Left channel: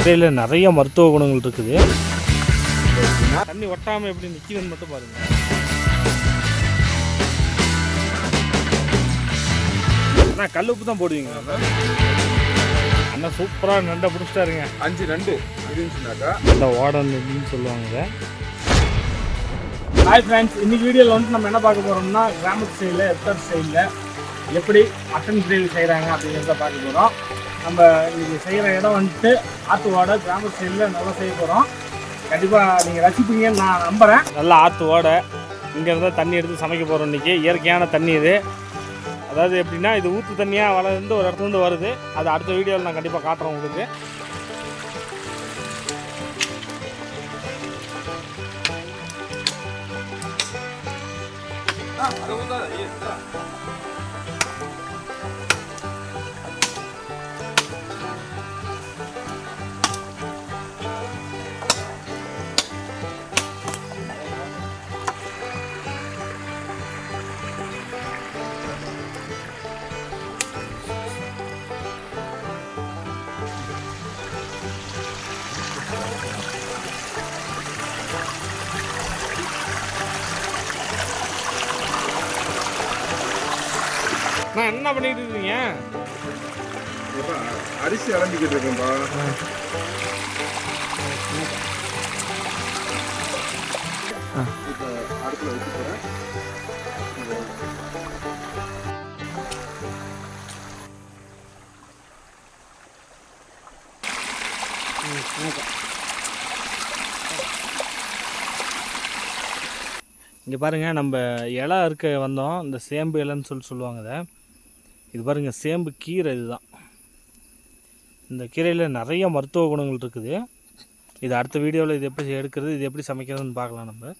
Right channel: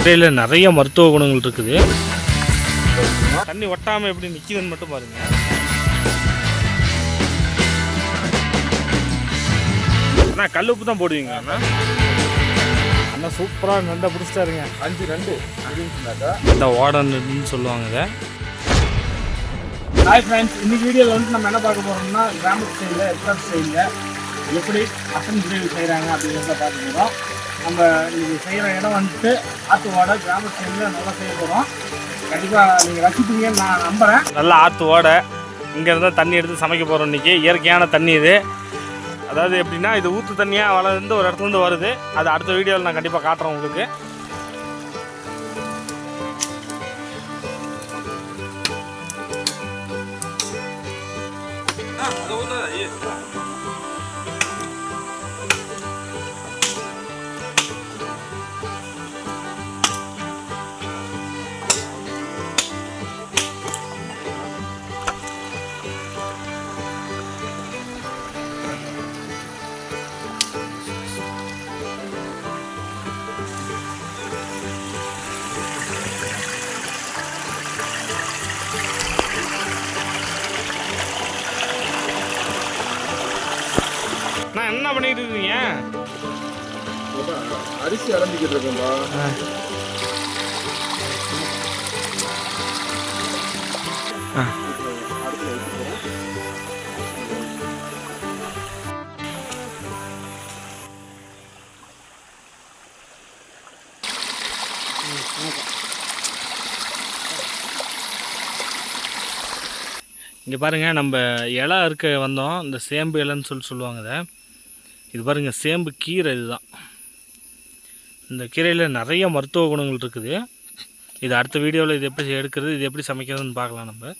கீரையில் நிறைய மருத்துவ குணங்கள் இருக்குது. தண்ணி ஒட்டாமல் எப்படி நிற்கிதுன்னு மட்டும் பாருங்கள். அண்ணா கல் உப்பு தான் போடுவீங்களா அண்ணா? அண்ணா சூப்பராக நண்டை பிடிச்சிட்டாருங்க. 5 நண்டு அப்படின்னாக்கா இந்த ஓட நண்டுன்னு சொல்லுவாங்க இதை. ஹாய் ஃப்ரெண்ட்ஸ், இன்னைக்கு வீடியோவில் வந்து நம்ம என்ன பார்க்க போகிறோம்னா கிராமத்து சைடில் எஸ்டர் சைடில் எப்படி மட்டன் கிரேவி செய்கிறாங்க அப்படிங்கிறத பார்க்க போகிறோம். நம்ம இது செய்கிற இடம் வந்துட்டு ஆற்று ஓடை கிராமத்து சைடில் நல்லா செய்ய போகிறோம். கண்டிப்பாக நீங்கள் ரசிப்பீங்கன்னு நான் நம்புகிறேன். நல்லா ஆற்று ஓடை இங்கே இருந்தால் தண்ணி எடுத்து சமைக்க போகிறோம். இன்றைக்கி இயற்கையான தண்ணி இது. அதாவது எப்படின்னா இது ஊற்று தண்ணியாக வளர்ந்து ஒரு இடத்துலேருந்து வருது. அது அடுத்த வீடியோவில் நான் கண்டிப்பாக காட்டுறேன் உங்களுக்கு. நான் என்ன பண்ணிட்டு இருக்கீங்க? அரிசி அலம்பிக்கிட்டு இருக்கேன்பா. அடுப்புல வச்சு போறேன். இங்கே பாருங்கள், நம்ம இலை இருக்க வந்தோம். இந்த சேம்பு இலைன்னு சொல்லுவாங்க இதை. இது பாருங்கள், சேம்பு கீரை. இதுதான். இந்த கீரையில் நிறைய மருத்துவ குணங்கள் இருக்குது. இது அடுத்த வீடியோவில் இது எப்படி எடுக்கிறது, இது எப்படி சமைக்கிறதுன்னு பார்க்கலாம் நம்ம.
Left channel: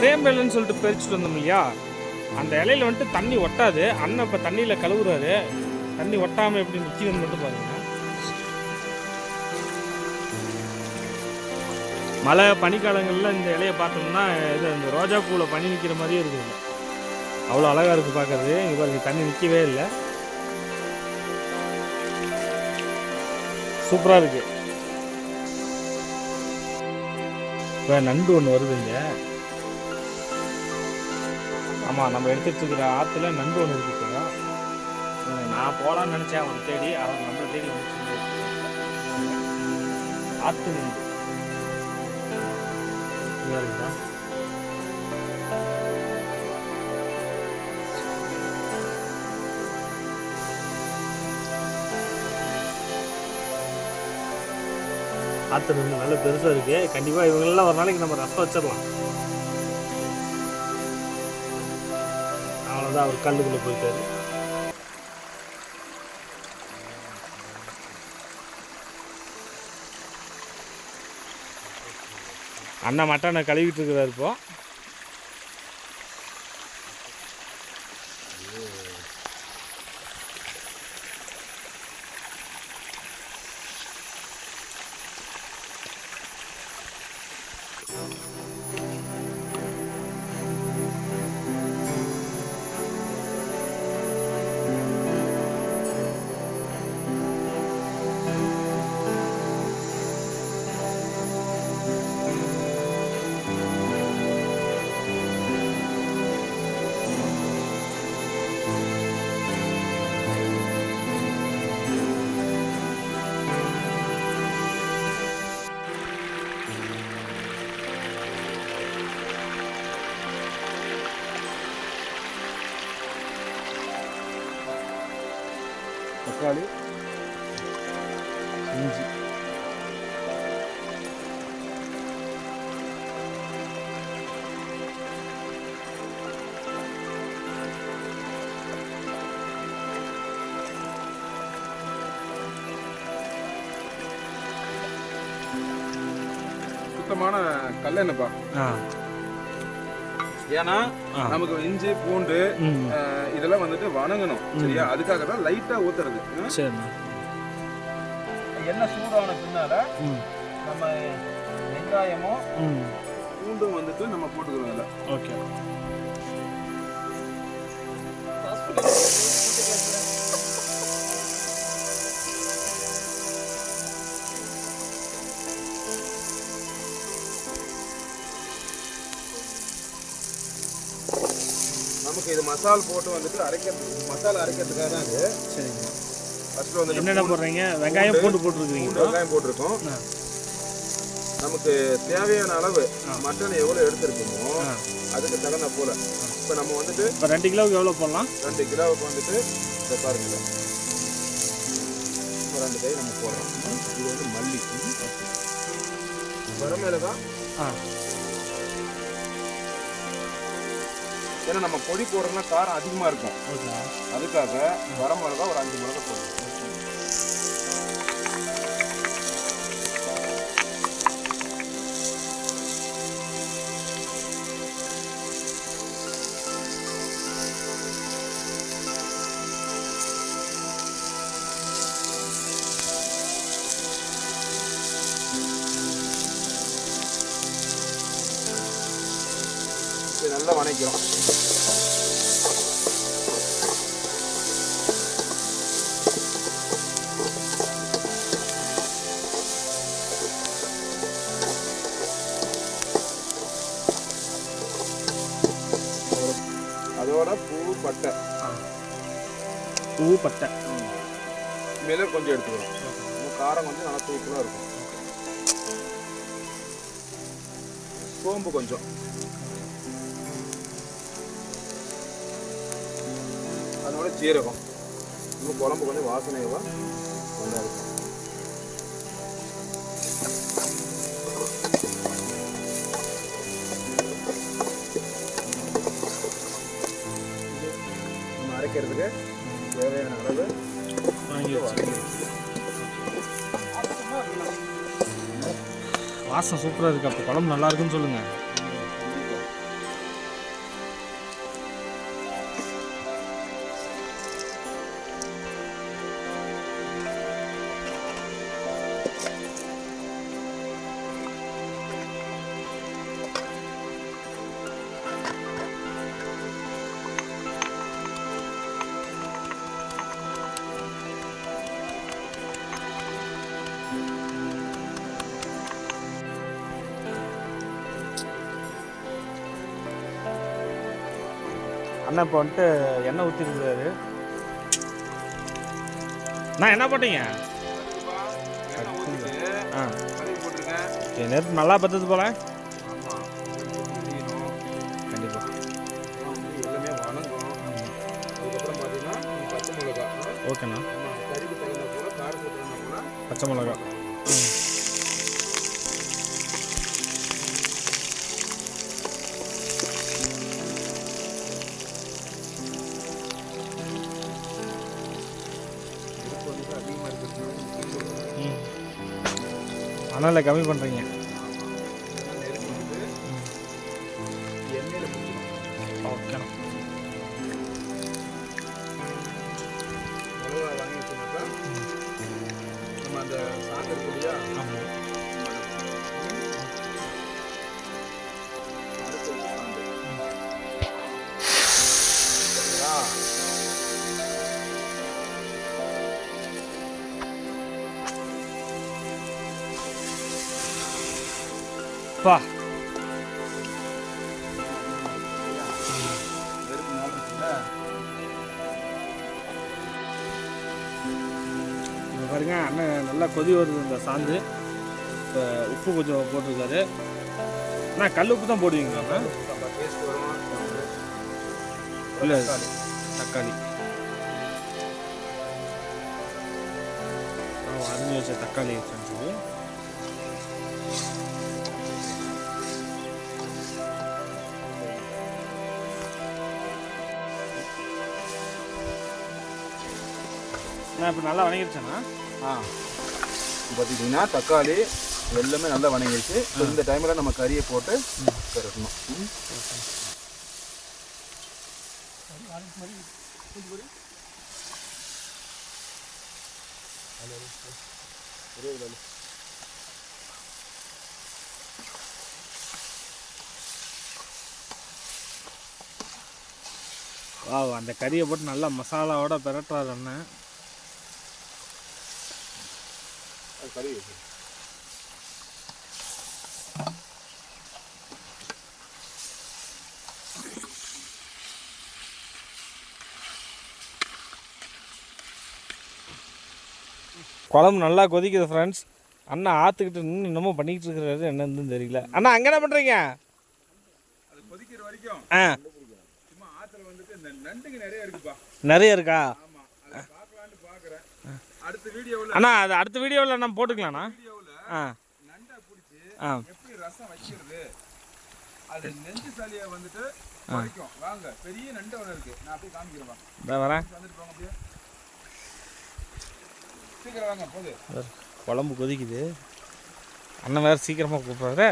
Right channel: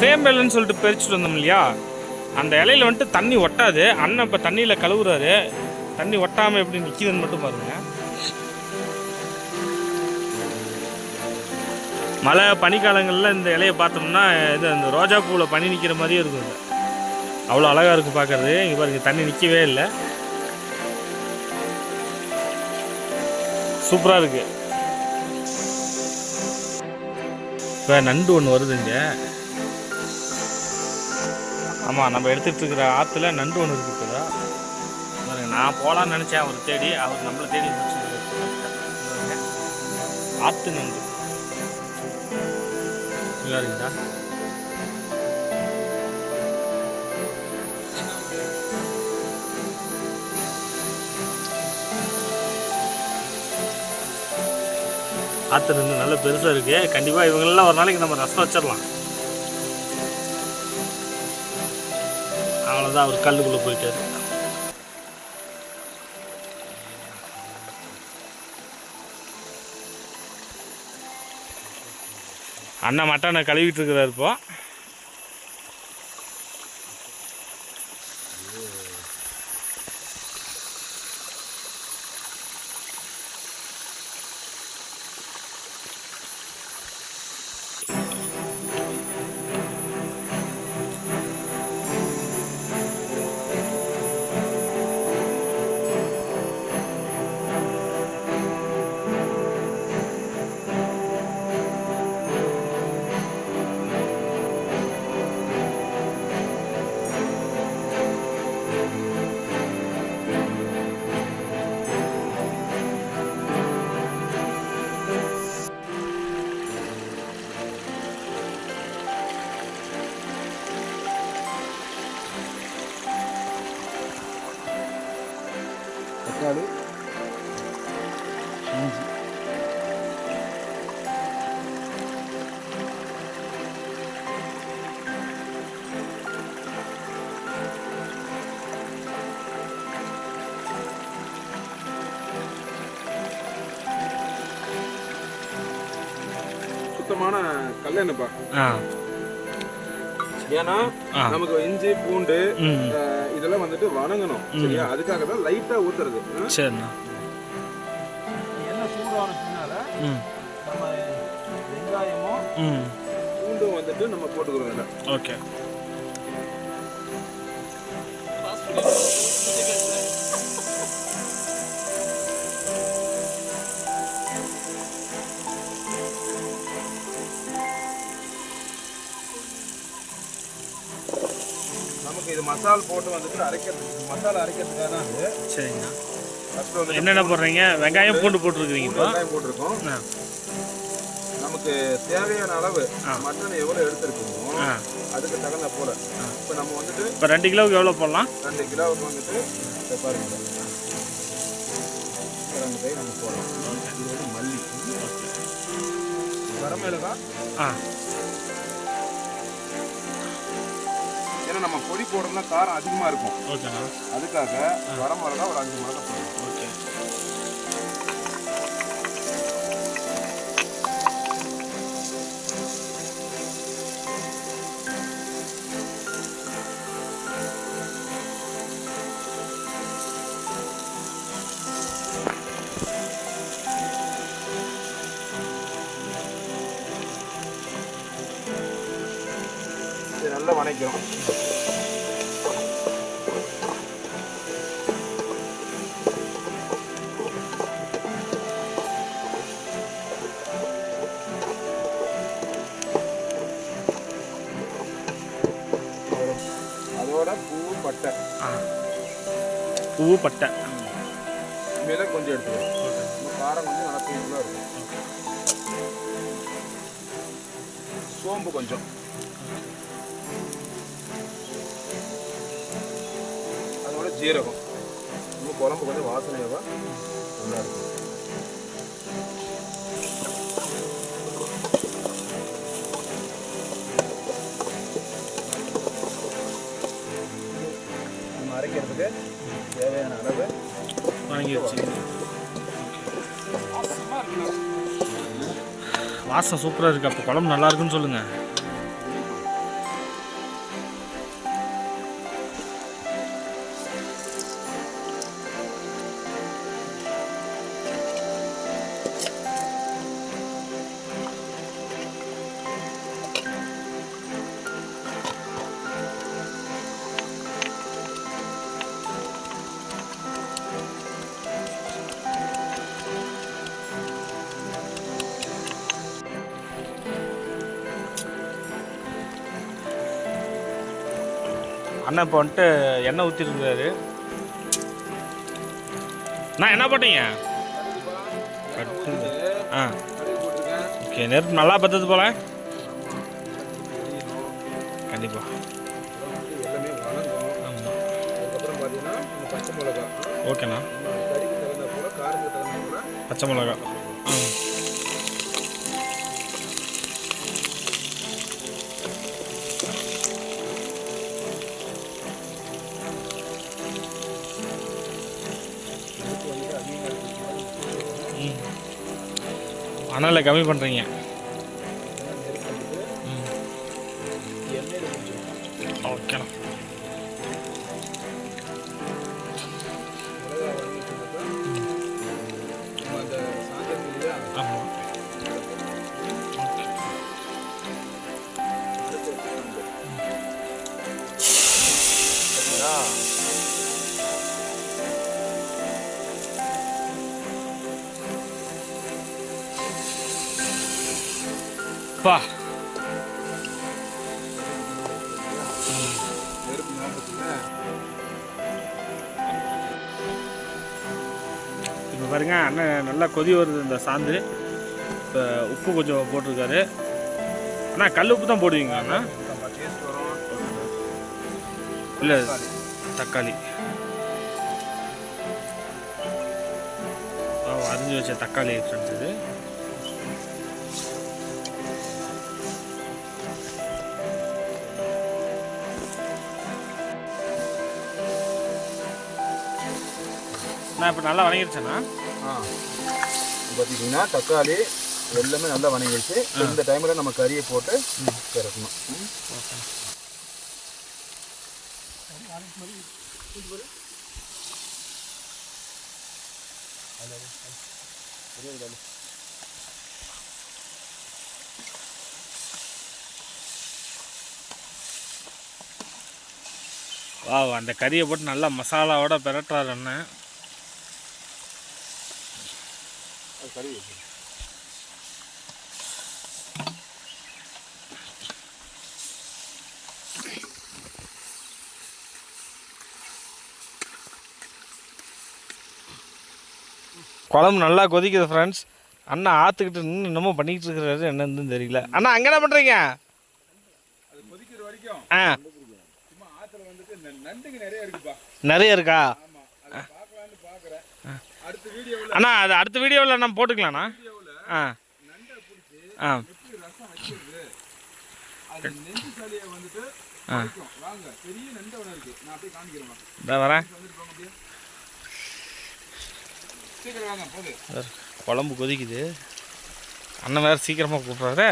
சேம்பு இலைன்னு சொல்லிட்டு பறிச்சுட்டு வந்தோம் இல்லையா, அந்த இலையில் வந்துட்டு தண்ணி ஒட்டாது. அண்ணன் இப்போ தண்ணியில் கழுவுறாரு. தண்ணி ஒட்டாமல் எப்படி நிற்கிதுன்னு மட்டும் பாருங்கள். மழை பனிக்காலங்களில் இந்த இலையை பார்த்தோம்னா இது அந்த ரோஜா பூவில் பனி நிற்கிற மாதிரியே இருக்கும். அவ்வளோ அழகாக இருக்கும் பார்க்குறது. இங்கே பாருங்க, தண்ணி நிற்கவே இல்லை. சூப்பராக இருக்கு. இப்போ நண்டு ஒன்று வருதுங்க. ஆமாம், நம்ம எடுத்துகிட்டு இருக்கிற ஆற்றுல நண்டு ஒன்று இருக்குது. இப்போ நான் போகலான்னு நினச்சேன் அவர் தேடி. அவர் நம்மளை தேடி முடிச்சு ஆற்று நண்டு இருக்குதா. ஆற்று நண்டு நல்ல பெருசாக இருக்குது. கண்டிப்பாக இவங்களெல்லாம் ஒரு நாளைக்கு நம்ம ரசம் வச்சிடலாம். அவ்வளோதான், அவர் கல்லுக்குள்ளே போயிட்டாரு. அண்ணன் மட்டனை கழுவிட்டு இருக்கிறார் இப்போ. தக்காளி, இஞ்சி, சுத்தமான கல்லெண்ணெய்ப்பா. ஏன்னா நமக்கு இஞ்சி பூண்டு இத இதெல்லாம் வந்துட்டு வணங்கணும் சரியா, அதுக்காக தான் லைட்டா ஊத்துறது. சரிண்ணா. எண்ணெய் சூடான பின்னால நம்ம வெங்காயமும் பூண்டும் வந்துட்டு நம்ம போட்டுக்கிறோம் இல்லை. ஓகே. நமக்கு இது மசால் போட்டு வந்துட்டு மசாலா அரைக்கிறதுக்காக தான் இது. சரிங்க. ஃபர்ஸ்ட் வந்து என்னென்ன போடுறீங்க? வெங்காயம் பூண்டு போட்டுருக்கீங்க இப்போ? வெங்காயம் போட்டிருக்கோம். நமக்கு தேவையான அளவு மட்டன் எவ்வளோ எடுத்துருக்கோமோ அதுக்கு தகுந்த போல. இப்போ நம்ம வந்துட்டு இப்போ 2 கிலோவுக்கு எவ்வளோ போடலாம்? 2 கிலோவுக்கு வந்துட்டு இப்போ பாருங்க 2 கை நம்ம போடலாம். இது வந்து மல்லி, வரமிளகாய். ஏன்னா நம்ம பொடி போடுறோம்னா காரம் அதிகமாக இருக்கும். ஓகேண்ணா. அதுக்காக வரமிளகாய் ஒரு 5 மிளகாய் போடணும். ஓகே. இது நல்லா வணக்கிறோம். அதோட பூ பட்டை மிளகு கொஞ்சம் எடுத்துக்கிறோம். காரம் கொஞ்சம் நல்லா தூக்கலாக இருக்கும். சோம்பு கொஞ்சம், அதோட ஜீரகம். இன்னும் குழம்பு கொஞ்சம் வாசனையாக நல்லா இருக்கும். நம்ம அரைக்கிறதுக்கு தேவையான அளவு வாசம் சூப்பராக இருக்குது. அப்போ குழம்பு நல்லா இருக்குன்னு சொல்லுங்கள். அண்ணா இப்போ வந்துட்டு எண்ணெய் ஊற்றிருக்கிறாரு. நான் என்ன போட்டீங்க? ஓகே. நெருப்பு நல்லா பத்தது போல. கண்டிப்பாக எல்லாமே வணங்கும். அதுக்கப்புறம் பார்த்தீங்கன்னா பச்சை மிளகாய். ஓகேண்ணா. கறிக்கு தகுந்த போல, காரத்துக்கு தகுந்த போல பச்சை மிளகாய். அனலை கம்மி பண்ணுறீங்க. ஓகேண்ணா. ஆமாம். பா இப்போ பாருங்க, அண்ணன் நல்லா கொதி வருது இந்த சாந்து. இப்போ உப்பு கொஞ்சம் போட்டிருக்காரு. அண்ணா கல் உப்பு தான் போடுவீங்களா அண்ணா? இல்லை, தக்காளி அரிஞ்சு வச்ச தக்காளி ஃப்ரெண்ட்ஸ் இது. நான் இப்போ நல்லா வணங்கிடுச்சேண்ணா. பார்த்தீங்கன்னா தக்காளி எல்லாமே நல்லா வணங்கிடுச்சு. இந்த டைமில் நம்ம கறியை போட்டு திறக்கணும். வா அந்த கறியை போட்டு நல்லா மசாலாவோட பெரட்டுறாரு அண்ணன். கறி குழம்பு நல்லா கொதிக்குது ஃப்ரெண்ட்ஸ். அண்ணா ஆற்றுக்கிட்டு நின்று இன்னமும் பண்ணிக்கிட்டு இருக்கிறாரு, என்னன்னு தெரியல. அண்ணா அங்கே என்ன பண்ணுறீங்க? அது கொதிக்கிற வரைக்கும் ஆ சும்மா ஆற்றுல வந்துட்டு நண்டுங்க நிறைய இருக்குப்பா. நிறைய இருக்கா? ஆமாம், அதை பார்க்கலான்னு பார்க்குறேன். அடுத்த வீடியோவில் அண்ணா அது அடுத்த வீடியோவில் நம்ம போட்டுக்கலாண்ணா. ஆ நண்டை பிடிச்சி ஆ எப்படி ரசம் வைக்கிறது, அது நெஞ்சு சளியை வந்துட்டு வைக்கும். வாங்க, பெரிய நண்டு ஒன்று இருக்கு, நான் அப்படியே காமிக்கிறேன். வாங்க இதை வரேன். வந்துட்டு போங்க அப்படியே, சீக்கிரம் வாங்க. போகுது குழம்பு கொதிக்குது, அண்ணன் வேறு சீக்கிரமாக கூப்பிட்றாரு.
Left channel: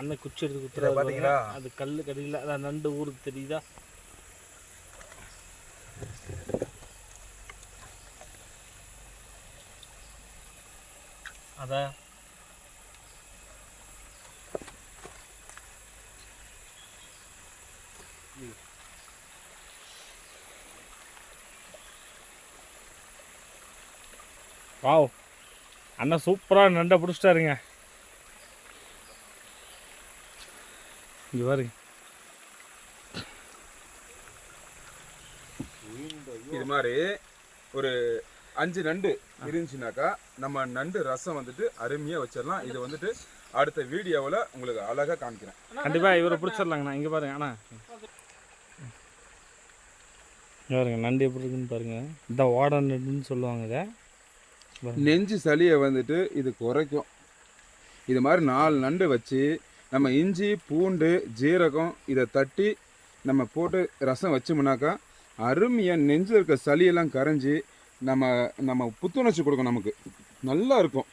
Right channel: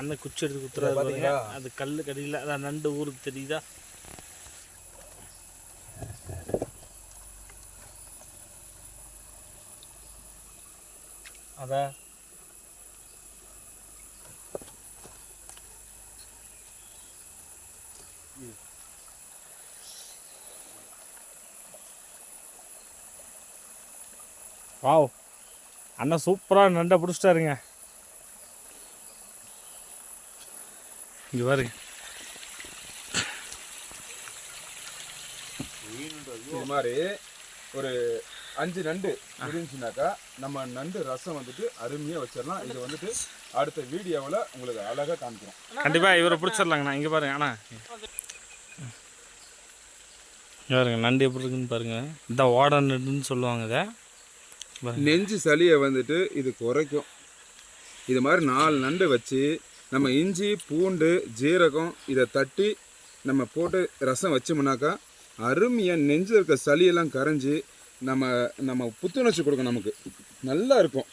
அண்ணன் குச்சி எடுத்து குத்துறாரு பாத்தீங்களா? அது கல் கடியில் அதான் நண்டு ஊருக்கு தெரியுதா? அதான் வாவ், அண்ணன் சூப்பராக நண்டை பிடிச்சிட்டாருங்க. இங்கே பாருங்க, இது மாதிரி ஒரு 5 நண்டு இருந்துச்சுனாக்கா நம்ம நண்டு ரசம் வந்துட்டு அருமையாக வச்சிடலாம். இது வந்துட்டு அடுத்த வீடியோவில் உங்களுக்கு அழகாக காமிக்கிறேன். கண்டிப்பாக இவரை பிடிச்சிடலாங்கண்ணா. இங்கே பாருங்க அண்ணா, இங்கே பாருங்க நண்டு எப்படி இருக்குன்னு பாருங்க. இதான் ஓட நண்டுன்னு சொல்லுவாங்க. இதை நெஞ்சு சளியை வந்துட்டு இது குறைக்கும். இது மாதிரி 4 நண்டு வச்சு நம்ம இஞ்சி பூண்டு ஜீரகம் இதை தட்டி நம்ம போட்டு ரசம் வச்சோம்னாக்கா அருமையாக நெஞ்சில் இருக்க சளியெல்லாம் கரைஞ்சி நம்ம புத்துணர்ச்சி கொடுக்கும். நமக்கு நல்லா இருக்கும்.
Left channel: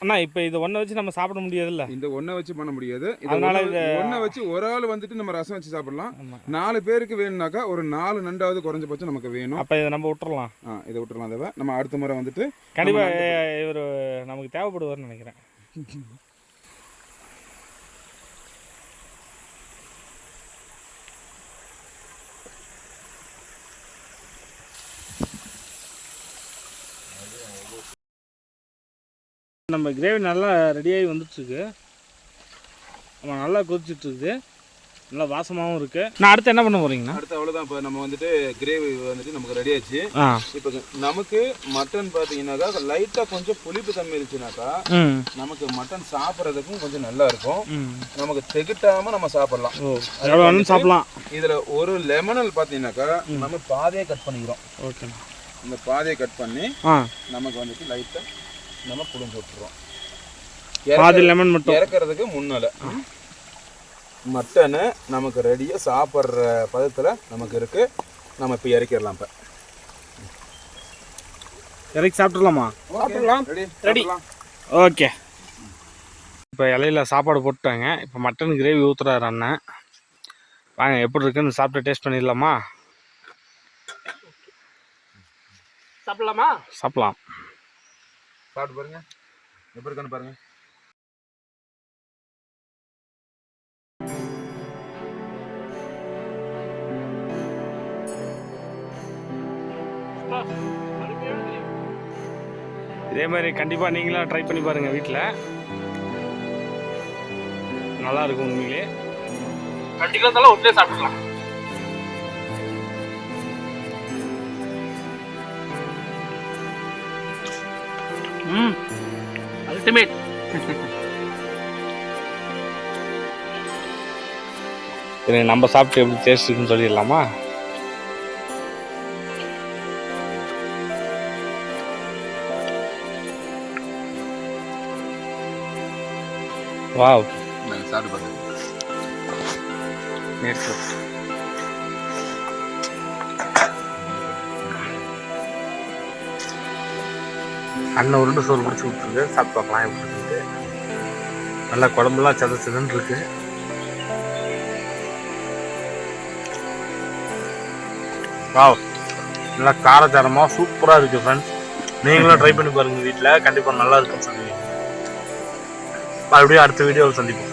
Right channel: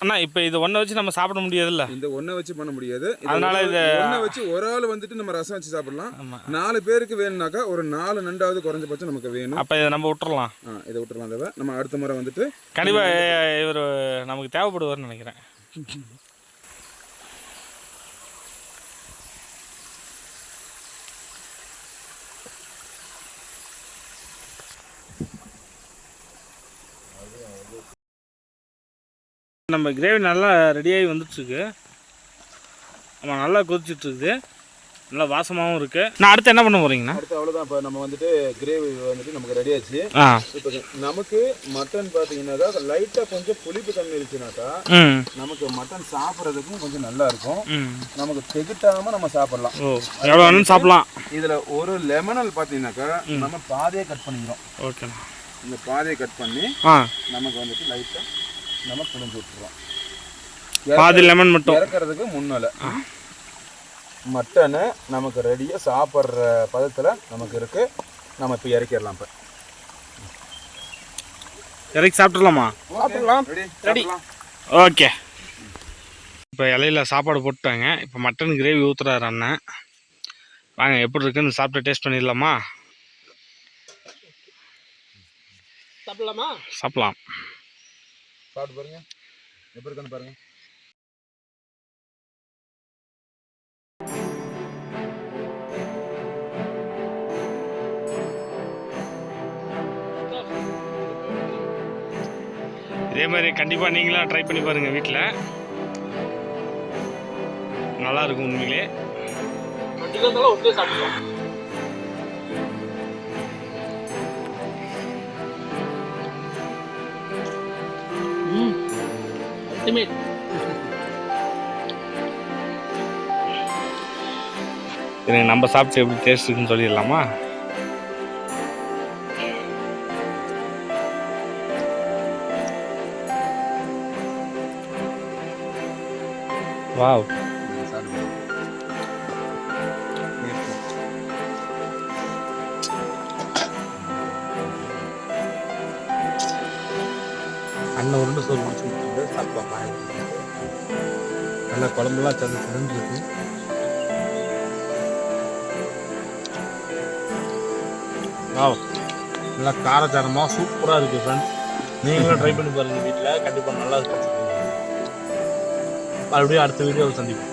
அண்ணா இப்போ இதை ஒன்றை வச்சு நம்ம சாப்பிட முடியாதுல்ல? இந்த ஒன்றை வச்சு பண்ண முடியாது. அதனால இதை ஒன்றை வச்சு ஒரு ஆள் வந்துட்டு நம்ம ரசம் வச்சு சாப்பிடலாம். 4 பேருக்கு வேணும்னாக்கா ஒரு 4 நண்டாவது குறைஞ்சபட்சம் நமக்கு வேணும். அப்போ இதை நம்ம விட்டுறலாம். இதை விட்டுறலாம். தேவை நம்ம அடுத்த முறை வந்துட்டு கண்டிப்பாக இவர் நமக்கு தேவைப்படுவார்னு நினைக்கிறேன். நம்ம கிரேவி நல்லா ரெடியாகி வந்துட்டுருக்கு. நம்ம நல்லா கொதிச்சுட்ருக்குது, நல்லா வாசமாகவும் இருக்குது. நான் அடுத்து என்ன பண்ண போகிறீங்கண்ணா? அடுத்து அவ்வளோதான். இப்போ நம்ம வந்துட்டு கிரேவி வந்துட்டு நமக்கு ரெடி ஆச்சு. இப்போ நமக்கு மட்டன் பார்த்தீங்கன்னாக்கா லைட்டாக கொஞ்சம் புளிப்பு தண்ணி இருந்துச்சுனாக்கா நமக்கு மட்டன் சாப்பிட்றதுக்கும் கொஞ்சம் நல்லா இருக்கும். நமக்கு திகட்டாமல் நம்ம சாப்பிடலாம். எவ்வளோ வேணும் சாப்பிடலாம். இதில் ஒரு லெமனல் பார்த்தீங்கன்னாக்கா நம்ம பாதையை கட் பண்ணிக்கிறோம். ஓகேண்ணா. நம்ம பாதையை கட் பண்ணி நமக்கு வந்துட்டு லைட்டாக நம்ம புளிஞ்சு விட்டுறோம். பாதி லெமன் மட்டும் இறக்கிறதுக்கு முன்னால் மட்டனு நமக்கு ரெடியாக சாப்பிட்ற பதத்தில் நமக்கு இருக்குது. நம்ம இப்போ இறக்கிடலாம். இப்போ இறக்கி சாப்பிட்றலாமா? சாப்பிடலாம். ரெடி. ஓகே. இப்போ இலையில சாப்பாடு போட்டுட்டாங்க. இப்போ மட்டன் கிரேவி ஊற்றுறாரு அண்ணன். வாங்க எப்படி இருக்குன்னு சாப்பிட்டு டேஸ்ட் பண்ணிடலாமா? சாப்பிடலாமா? சாப்பிடலாம். சாப்பிட்டு பாருங்க எப்படி இருக்குன்னு பாருங்க. இதே மாதிரி கண்டிப்பாக நீங்களாம் ட்ரை பண்ணி பாருங்கள் வீட்டில். நல்லா இருக்கும் உண்மையிலே. கண்டிப்பாக இருந்தாலும் ஒன்றே சாப்பிடலாம். நம்ம சாப்பிட்டு எப்படி டேஸ்ட் இருக்குன்னு சொல்லிடலாமா? வாவ், அண்ணன் உருண்டு சோறு முடிச்சு கொடுத்துருக்கு. சாப்பிட்டு பார்க்கலாம் எப்படி இருக்குது. நல்லா குழம்புலாம் சதன்னு இருக்கு. வாவ், நல்லா காரச்சாரமாக சூப்பராக இருக்குது ஃப்ரெண்ட்ஸ். நீங்களும் ட்ரை பண்ணி பாருங்கள் வீட்டில், கண்டிப்பாக நல்லா இருக்குன்னு சொல்லுவீங்க. மறுபடியும் அடுத்த வீடியோவில் சந்திப்போம்.